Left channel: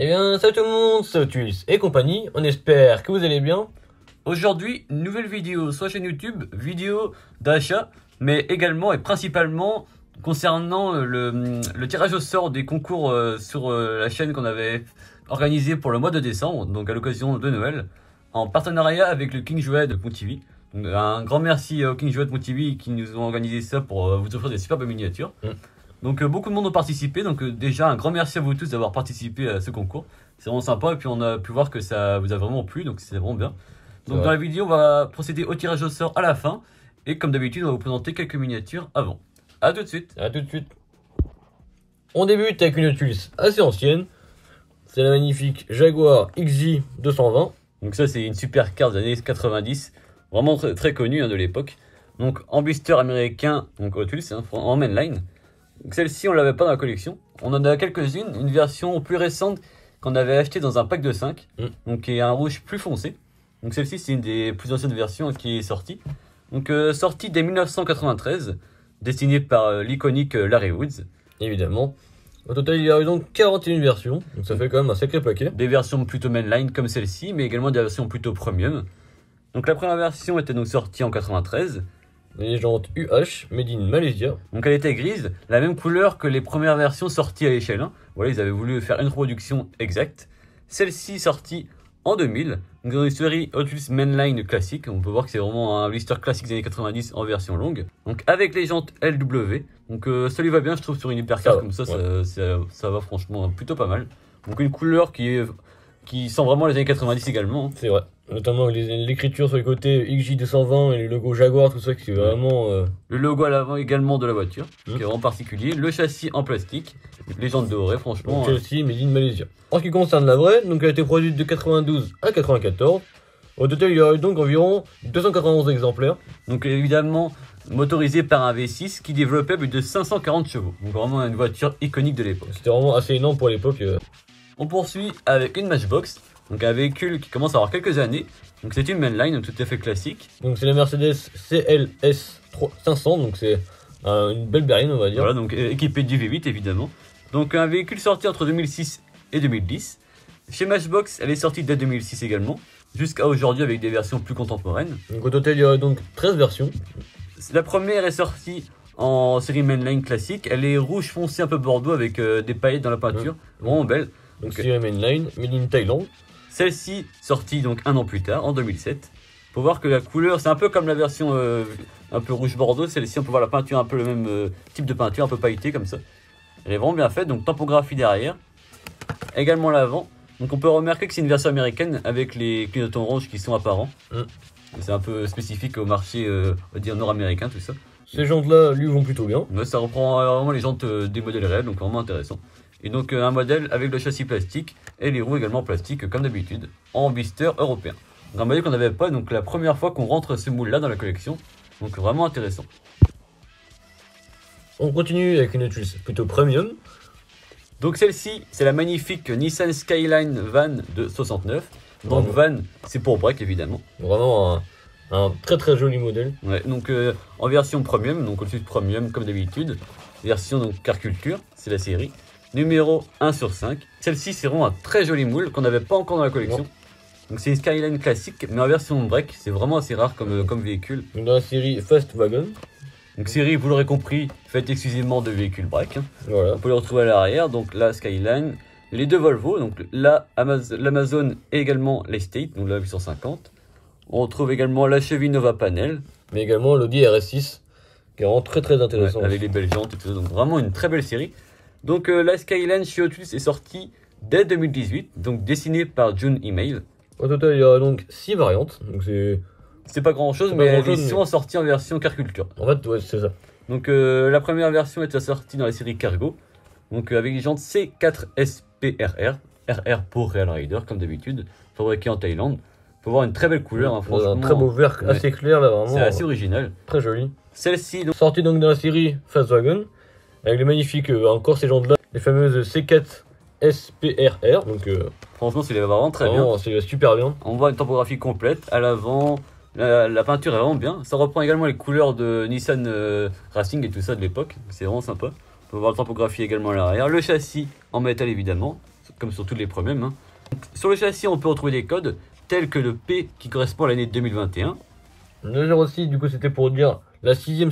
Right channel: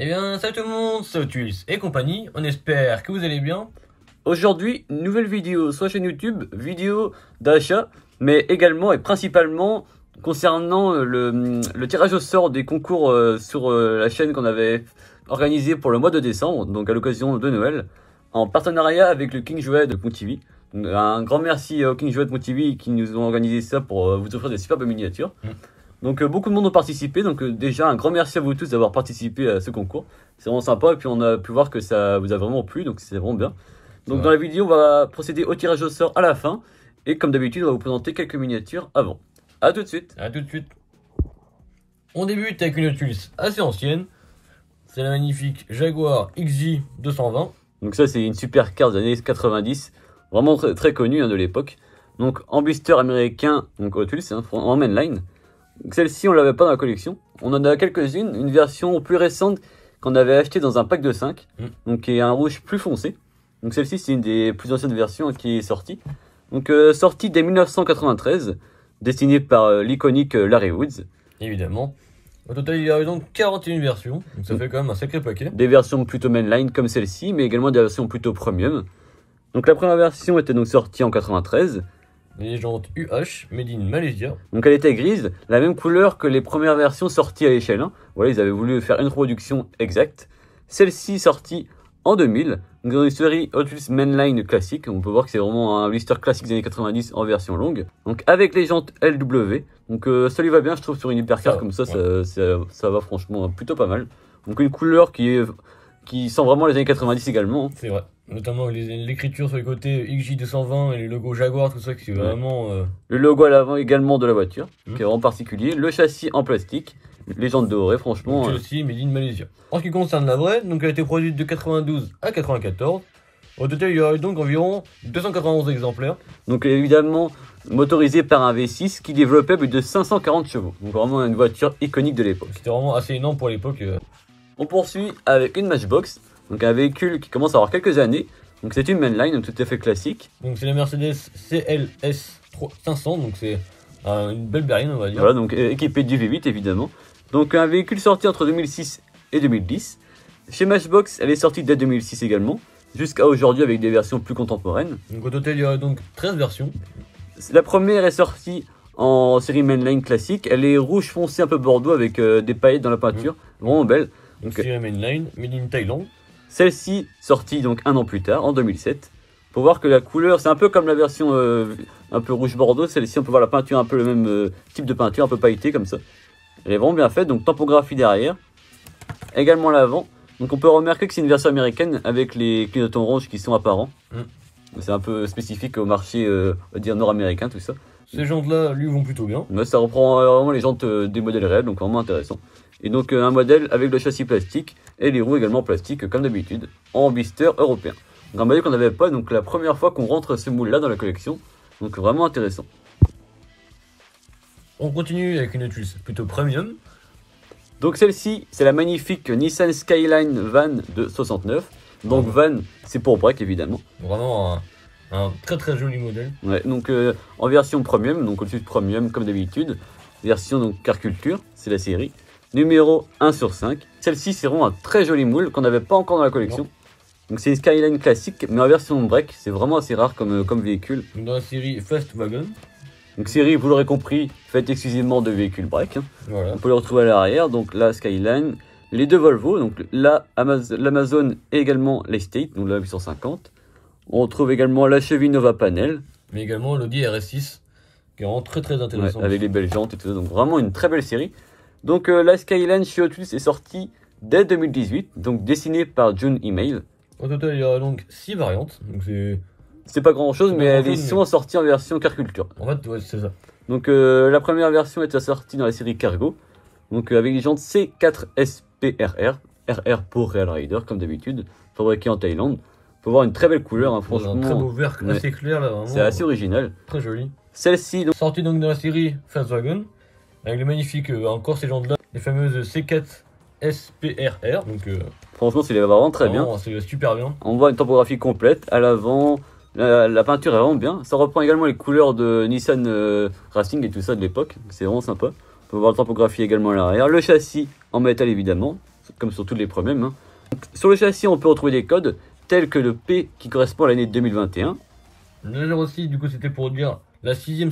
Eh bien, salut tout le monde, c'est Otus et compagnie, on espère que vous allez bien. Aujourd'hui, une nouvelle vidéo sur la chaîne YouTube, vidéo d'achat, mais également et principalement concernant le tirage au sort des concours sur la chaîne qu'on avait organisé pour le mois de décembre, donc à l'occasion de Noël, en partenariat avec le King Jouet de Pontivy. Donc, un grand merci au King Jouet de Pontivy qui nous ont organisé ça pour vous offrir des superbes miniatures. Donc beaucoup de monde ont participé, donc déjà un grand merci à vous tous d'avoir participé à ce concours. C'est vraiment sympa et puis on a pu voir que ça vous a vraiment plu, donc c'est vraiment bien. Donc dans la vidéo on va procéder au tirage au sort à la fin et comme d'habitude on va vous présenter quelques miniatures avant. A tout de suite. A tout de suite. On débute avec une Otus assez ancienne, c'est la magnifique Jaguar XJ 220. Donc ça c'est une super carte des années 90, vraiment très connue de l'époque. Donc en blister américain, donc Otus en mainline. Celle-ci, on l'avait pas dans la collection. On en a quelques-unes. Une version plus récente qu'on avait achetée dans un pack de 5. Donc, qui est un rouge plus foncé. Donc, celle-ci, c'est une des plus anciennes versions qui est sortie. Donc, sortie dès 1993. Dessinée par l'iconique Larry Woods. Évidemment. Au total, il y a eu donc 41 versions. Donc, ça fait quand même un sacré paquet. Des versions plutôt mainline comme celle-ci, mais également des versions plutôt premium. Donc, la première version était donc sortie en 93. Légende UH, made in Malaysia. Donc elle était grise, la même couleur que les premières versions sorties à l'échelle 1. Voilà, ils avaient voulu faire une reproduction exacte. Celle-ci sortie en 2000, donc dans une série Otus Mainline classique. On peut voir que c'est vraiment un blister classique des années 90 en version longue. Donc avec les jantes LW. Donc ça lui va bien, je trouve, sur une hypercar comme ça, ouais. ça va franchement plutôt pas mal. Donc une couleur qui sent vraiment les années 90 également. C'est vrai. Notamment l'écriture sur les côtés XJ220 et le logo Jaguar, tout ça qui est vraiment... Le logo à l'avant également de la voiture, qui est vraiment particulier. Le châssis en plastique, les jantes dorées, franchement. Donc celle-ci, made in Malaysia. En ce qui concerne la vraie, donc elle a été produite de 92 à 94. Au total, il y aurait donc environ 291 exemplaires. Donc évidemment, motorisé par un V6 qui développait plus de 540 chevaux. Donc vraiment une voiture iconique de l'époque. C'était vraiment assez énorme pour l'époque. On poursuit avec une Matchbox. Donc un véhicule qui commence à avoir quelques années. Donc c'est une mainline, donc tout à fait classique. Donc c'est la Mercedes CLS 500, donc c'est une belle berline on va dire. Voilà, donc équipée du V8 évidemment. Donc un véhicule sorti entre 2006 et 2010. Chez Matchbox, elle est sortie dès 2006 également, jusqu'à aujourd'hui avec des versions plus contemporaines. Donc au total il y a donc 13 versions. La première est sortie en série mainline classique. Elle est rouge foncé un peu bordeaux avec des paillettes dans la peinture, vraiment belle. Donc c'est la mainline, made in Thaïlande. Celle-ci sortie donc un an plus tard, en 2007. Faut voir que la couleur, c'est un peu comme la version un peu rouge bordeaux. Celle-ci, on peut voir la peinture, un peu le même type de peinture, un peu pailletée comme ça. Elle est vraiment bien faite, donc tampographie derrière. Également l'avant. Donc on peut remarquer que c'est une version américaine avec les clignotants orange qui sont apparents. C'est un peu spécifique au marché on va dire nord-américain, tout ça. Ces jantes-là, lui, vont plutôt bien. Mais ça reprend vraiment les jantes des modèles réels, donc vraiment intéressant. Et donc un modèle avec le châssis plastique et les roues également plastiques comme d'habitude en blister européen. Donc un modèle qu'on n'avait pas, donc la première fois qu'on rentre ce moule là dans la collection, donc vraiment intéressant. On continue avec une Otus plutôt premium. Donc celle-ci c'est la magnifique Nissan Skyline Van de 69. Donc Van c'est pour break évidemment. Vraiment un très joli modèle. Ouais, donc en version premium, donc au-dessus de premium comme d'habitude. Version donc car culture, c'est la série. Numéro 1 sur 5. Celle-ci, c'est vraiment un très joli moule qu'on n'avait pas encore dans la collection. Donc c'est une Skyline classique, mais en version break. C'est vraiment assez rare comme véhicule. Donc dans la série Fast Wagon. Donc série, vous l'aurez compris, faite exclusivement de véhicules break. Voilà. On peut le retrouver à l'arrière. Donc la Skyline, les deux Volvo, donc l'Amazon et également l'Estate, donc la 850. On retrouve également la Chevy Nova Panel. Mais également l'Audi RS6, qui est vraiment très intéressant. Ouais, avec les belles jantes et tout ça. Donc vraiment une très belle série. Donc la Skyline chez Otus est sortie dès 2018, donc dessinée par June Email. Au total, il y a donc 6 variantes, donc c'est pas grand chose, mais elles sont sorties en version car culture. En fait, ouais, c'est ça. Donc la première version est sortie dans la série Cargo, donc avec les jantes C4SPRR, RR pour Real Rider comme d'habitude, fabriqué en Thaïlande. Faut voir une très belle couleur, hein, franchement. Un très beau vert assez clair là, vraiment. C'est assez original. Très joli. Celle-ci, donc sortie donc dans la série Fast Wagon. Avec les magnifiques, encore ces jantes là, les fameuses C4 SPRR. Donc, franchement, c'est vraiment très bien. C'est super bien. On voit une topographie complète à l'avant. La peinture est vraiment bien. Ça reprend également les couleurs de Nissan Racing et tout ça de l'époque. C'est vraiment sympa. On peut voir la topographie également à l'arrière. Le châssis en métal évidemment. comme sur tous les premiers. Hein. Sur le châssis, on peut retrouver des codes tels que le P qui correspond à l'année 2021. Le 06, du coup, c'était pour dire la sixième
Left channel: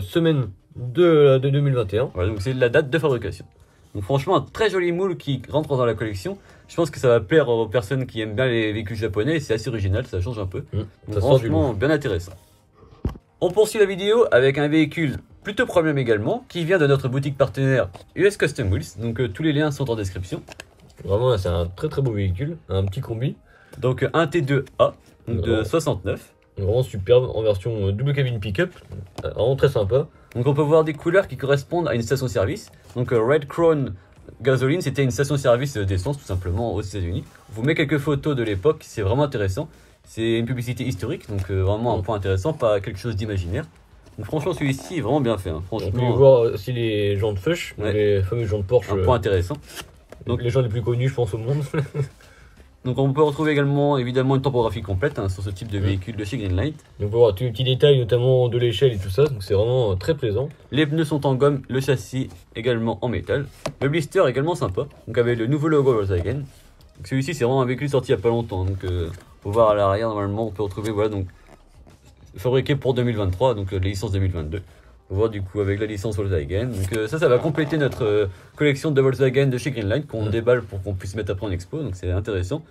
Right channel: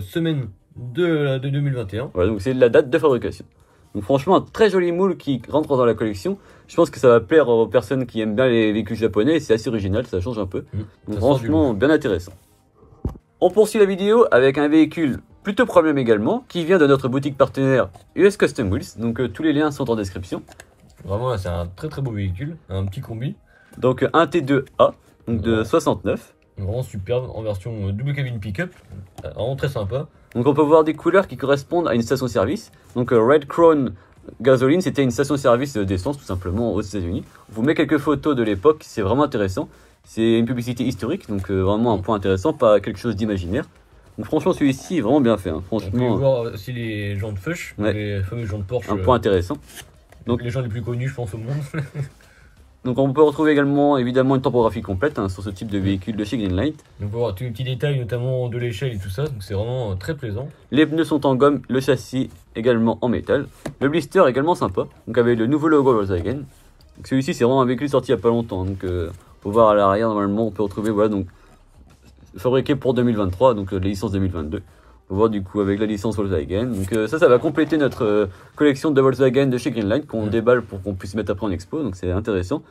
semaine de 2021. Voilà, donc c'est la date de fabrication. Donc franchement, un très joli moule qui rentre dans la collection. Je pense que ça va plaire aux personnes qui aiment bien les véhicules japonais. C'est assez original, ça change un peu. Donc franchement, bien intéressant. On poursuit la vidéo avec un véhicule plutôt premium également, qui vient de notre boutique partenaire US Custom Wheels. Donc tous les liens sont en description. Vraiment, c'est un très beau véhicule, un petit combi. Donc un T2A, donc de 69. Vraiment superbe, en version double cabine pick-up, vraiment très sympa. Donc on peut voir des couleurs qui correspondent à une station-service. Donc Red Crown Gasoline, c'était une station-service d'essence tout simplement aux États-Unis. On vous met quelques photos de l'époque, c'est vraiment intéressant. C'est une publicité historique, donc vraiment un point intéressant, pas quelque chose d'imaginaire. Donc franchement celui-ci est vraiment bien fait. Hein. Franchement, on peut voir aussi les jantes Fush, les fameuses jantes Porsche. Un point intéressant. Donc les gens les plus connus je pense au monde. Donc on peut retrouver également évidemment une topographie complète sur ce type de véhicule de chez Greenlight. Donc on peut voir tous les petits détails notamment de l'échelle et tout ça, donc c'est vraiment très plaisant. Les pneus sont en gomme, le châssis également en métal. Le blister est également sympa, donc avec le nouveau logo Volkswagen. Celui-ci c'est vraiment un véhicule sorti il n'y a pas longtemps, donc faut voir à l'arrière normalement on peut retrouver voilà donc fabriqué pour 2023, donc la licence 2022. On voit du coup avec la licence Volkswagen. Donc ça va compléter notre collection de Volkswagen de chez Greenlight qu'on déballe pour qu'on puisse mettre après en expo. Donc c'est intéressant.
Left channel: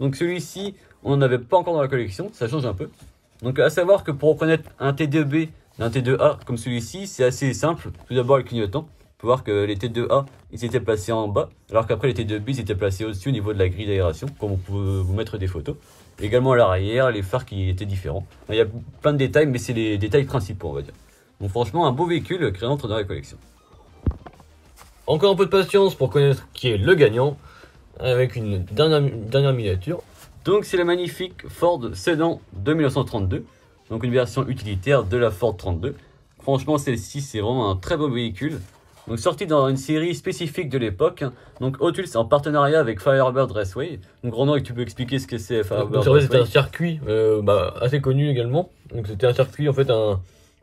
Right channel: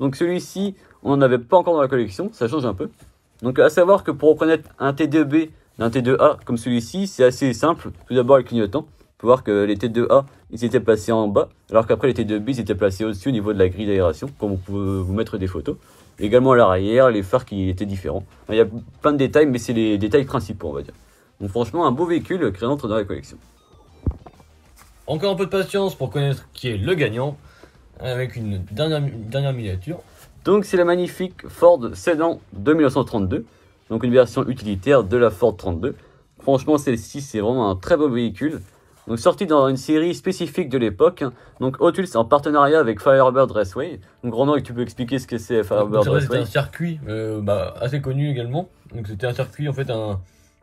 Donc celui-ci, on n'en avait pas encore dans la collection, ça change un peu. Donc à savoir que pour reconnaître un T2B d'un T2A comme celui-ci, c'est assez simple. Tout d'abord le clignotant. On peut voir que les T2A, ils étaient placés en bas, alors qu'après les T2B, ils étaient placés au-dessus au niveau de la grille d'aération, comme on peut vous mettre des photos. Également à l'arrière, les phares qui étaient différents. Il y a plein de détails, mais c'est les détails principaux, on va dire. Donc franchement, un beau véhicule qui rentre dans la collection. Encore un peu de patience pour connaître qui est le gagnant, avec une dernière miniature. Donc c'est la magnifique Ford Sedan de 1932, donc une version utilitaire de la Ford 32. Franchement, celle-ci, c'est vraiment un très beau véhicule. Donc sorti dans une série spécifique de l'époque. Donc Hot Wheels en partenariat avec Firebird Raceway. Donc Ronan, tu peux expliquer ce que c'est Firebird Raceway? C'était un circuit assez connu également. Donc c'était un circuit en fait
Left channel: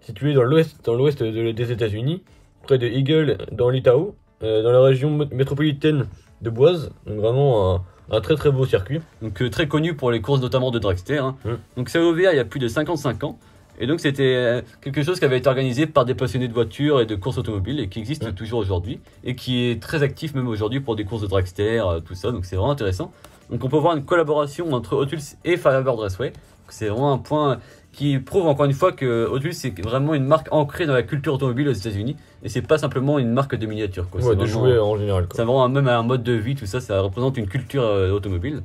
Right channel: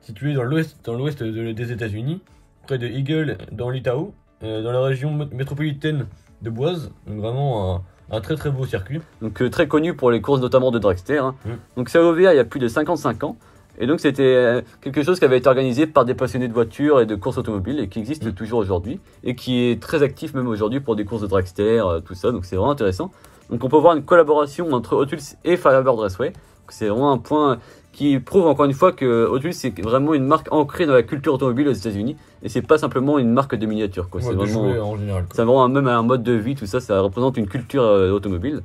situé dans l'ouest des États-Unis, près de Eagle dans l'Idaho, dans la région métropolitaine de Boise. Donc vraiment un très beau circuit. Donc très connu pour les courses notamment de dragster. Hein. Donc c'est ouvert il y a plus de 55 ans. Et donc c'était quelque chose qui avait été organisé par des passionnés de voitures et de courses automobiles et qui existe toujours aujourd'hui et qui est très actif même aujourd'hui pour des courses de dragster, tout ça. Donc c'est vraiment intéressant. Donc on peut voir une collaboration entre Hot Wheels et Firebird Raceway. C'est vraiment un point qui prouve encore une fois que Hot Wheels c'est vraiment une marque ancrée dans la culture automobile aux États-Unis et c'est pas simplement une marque de miniatures. Ouais, c'est vraiment en général. C'est vraiment même un mode de vie, tout ça, ça représente une culture automobile.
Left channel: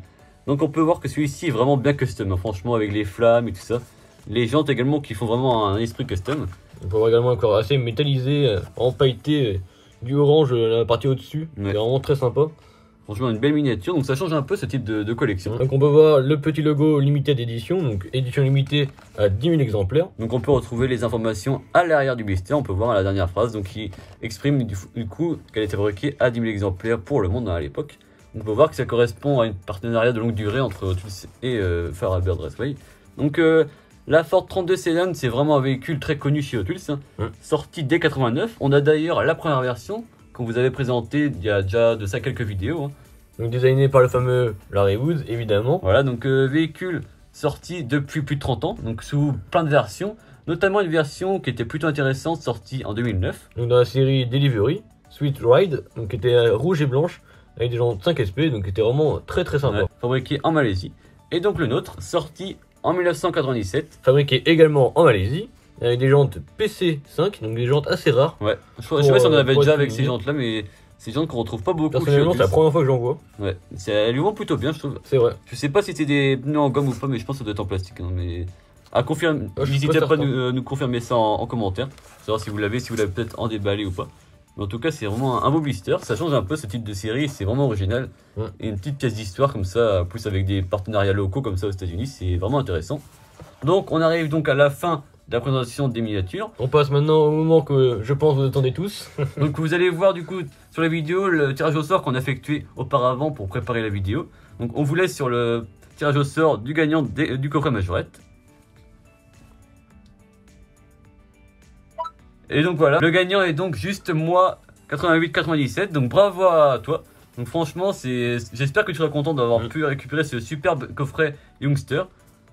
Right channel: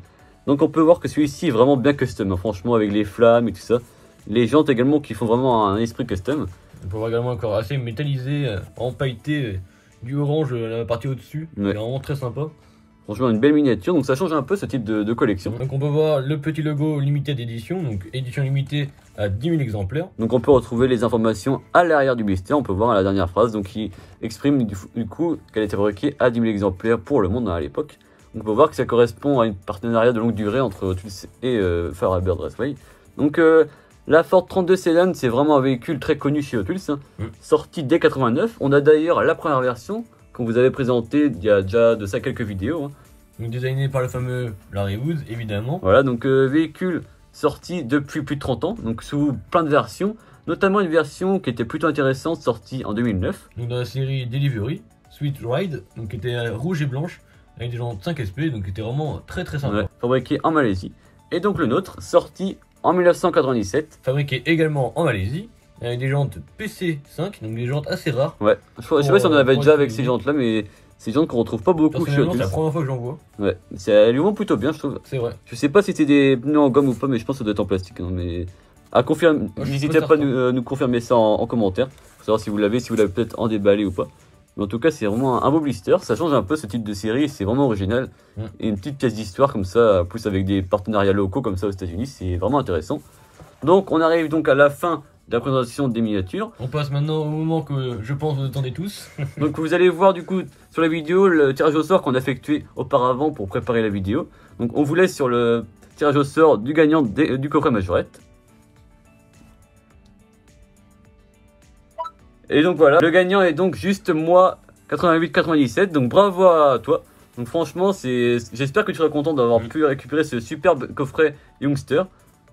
Donc on peut voir que celui-ci est vraiment bien custom, hein, franchement avec les flammes et tout ça. Les jantes également qui font vraiment un esprit custom. On peut voir également encore assez métallisé, empailleté, du orange la partie au-dessus. C'est vraiment très sympa. Franchement une belle miniature, donc ça change un peu ce type de collection. Donc on peut voir le petit logo Limited Edition, donc édition limitée à 10 000 exemplaires. Donc on peut retrouver les informations à l'arrière du blister, on peut voir à la dernière phrase, donc qui exprime du coup qu'elle était fabriquée à 10 000 exemplaires pour le monde à l'époque. Donc on peut voir que ça correspond à une partenariat de longue durée entre Hot Wheels et Firebird Raceway. Donc la Ford 32 Sedan, c'est vraiment un véhicule très connu chez Hot Wheels, sorti dès 89. On a d'ailleurs la première version qu'on vous avait présentée il y a déjà de ça quelques vidéos. Hein. Donc designé par le fameux Larry Woods, évidemment. Voilà, donc véhicule sorti depuis plus de 30 ans, donc sous plein de versions, notamment une version qui était plutôt intéressante, sortie en 2009. Donc dans la série Delivery, Sweet Ride, donc qui était rouge et blanche, avec des jantes 5 SP, donc qui était vraiment très sympa. Ouais, fabriqué en Malaisie. Et donc le nôtre, sorti en 1997. Fabriqué également en Malaisie, avec des jantes PC5, donc des jantes assez rares. Ouais, je sais pas si on en avait déjà avec ces jantes là, mais ces jantes qu'on retrouve pas beaucoup. Personnellement, c'est la première fois que j'en vois. Ouais, elles lui vont plutôt bien, je trouve. C'est vrai. Je sais pas si c'était des pneus en gomme ou pas, mais je pense que ça doit être en plastique. Hein, mais à confirmer, n'hésitez pas à nous confirmer ça en commentaire, pour savoir si vous l'avez peut-être en déballé ou pas. Mais en tout cas, c'est vraiment un beau blister. Ça change un peu ce type de série, c'est vraiment original. Et une petite pièce d'histoire comme ça, plus avec des partenariats locaux comme ça aux États-Unis, c'est vraiment intéressant. Donc, on arrive donc à la fin de la présentation des miniatures. On passe maintenant au moment que je pense vous attendez tous. Donc, vous allez voir du coup sur la vidéo le tirage au sort qu'on a effectué auparavant pour préparer la vidéo. Donc, on vous laisse sur le tirage au sort du gagnant du coffret majorette. Et donc voilà, le gagnant est donc juste moi, 88-97, donc bravo à toi. Donc franchement, j'espère que tu seras content d'avoir pu récupérer ce superbe coffret Youngster.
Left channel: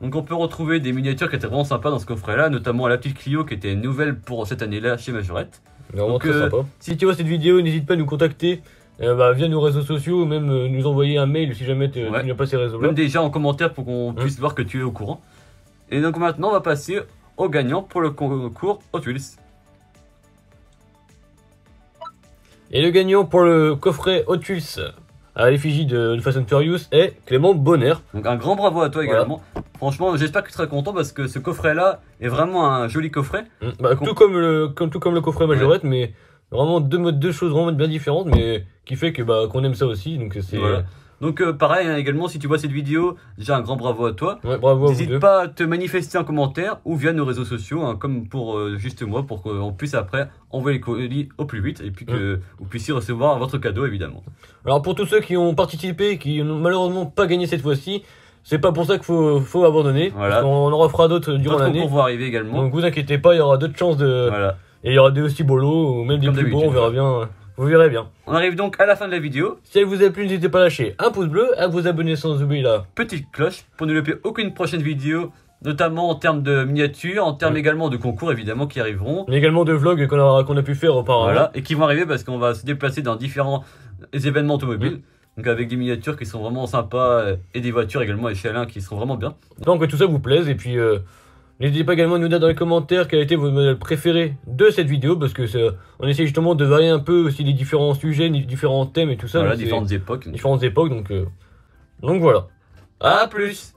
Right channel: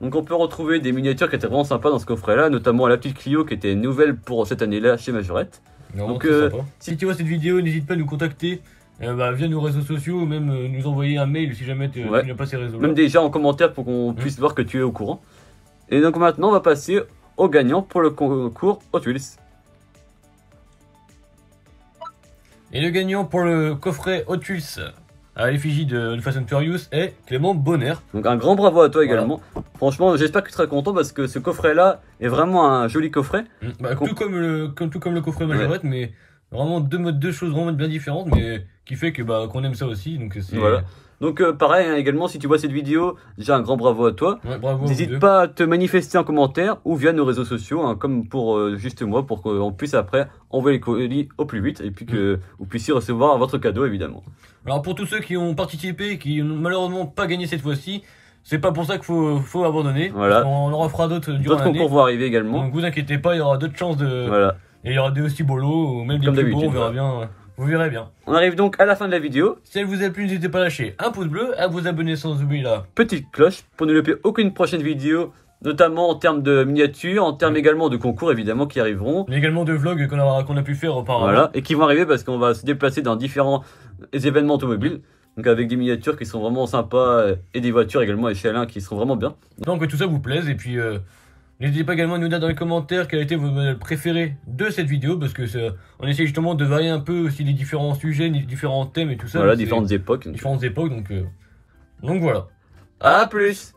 Donc on peut retrouver des miniatures qui étaient vraiment sympas dans ce coffret là, notamment la petite Clio qui était nouvelle pour cette année là chez Majorette. Vraiment très sympa. Si tu vois cette vidéo, n'hésite pas à nous contacter via nos réseaux sociaux ou même nous envoyer un mail si jamais tu n'as pas ces réseaux là. Même déjà en commentaire pour qu'on puisse voir que tu es au courant. Et donc maintenant on va passer au gagnant pour le concours Hot Wheels. Et le gagnant pour le coffret Hot Wheels à l'effigie de Fast and Furious est Clément Bonner. Donc un grand bravo à toi également. Franchement, j'espère que tu seras content parce que ce coffret là est vraiment un joli coffret. Tout comme le coffret Majorette, mais vraiment deux choses vraiment bien différentes, mais qui fait que qu'on aime ça aussi. Donc c'est Donc pareil également, si tu vois cette vidéo, déjà un grand bravo à toi. Bravo. N'hésite pas à te manifester en commentaire ou via nos réseaux sociaux, hein, comme pour juste moi, pour qu'on puisse après envoyer les colis au plus vite et puis que vous puissiez recevoir votre cadeau évidemment. Alors pour tous ceux qui ont participé et qui n'ont malheureusement pas gagné cette fois-ci, c'est pas pour ça qu'il faut abandonner. Voilà. On en refera d'autres durant l'année. D'autres concours vont arriver également. Donc vous inquiétez pas, il y aura d'autres chances de. Voilà. Et il y aura des aussi beaux lots ou même des plus beaux, on verra bien. Vous verrez bien. On arrive donc à la fin de la vidéo. Si elle vous a plu, n'hésitez pas à lâcher un pouce bleu, à vous abonner sans oublier la petite cloche pour ne louper aucune prochaine vidéo, notamment en termes de miniatures, en termes également de concours évidemment qui arriveront. Mais également de vlogs qu'on a pu faire auparavant. Voilà, et qui vont arriver parce qu'on va se déplacer dans différents événements automobiles. Donc avec des miniatures qui sont vraiment sympas et des voitures également échelons qui seront vraiment bien. Donc que tout ça vous plaise et puis n'hésitez pas également à nous dire dans les commentaires quel a été votre modèle préféré de cette vidéo parce que on essaie justement de varier un peu aussi les différents sujets, les différents thèmes et tout ça. Voilà, différentes époques. Donc voilà. À plus.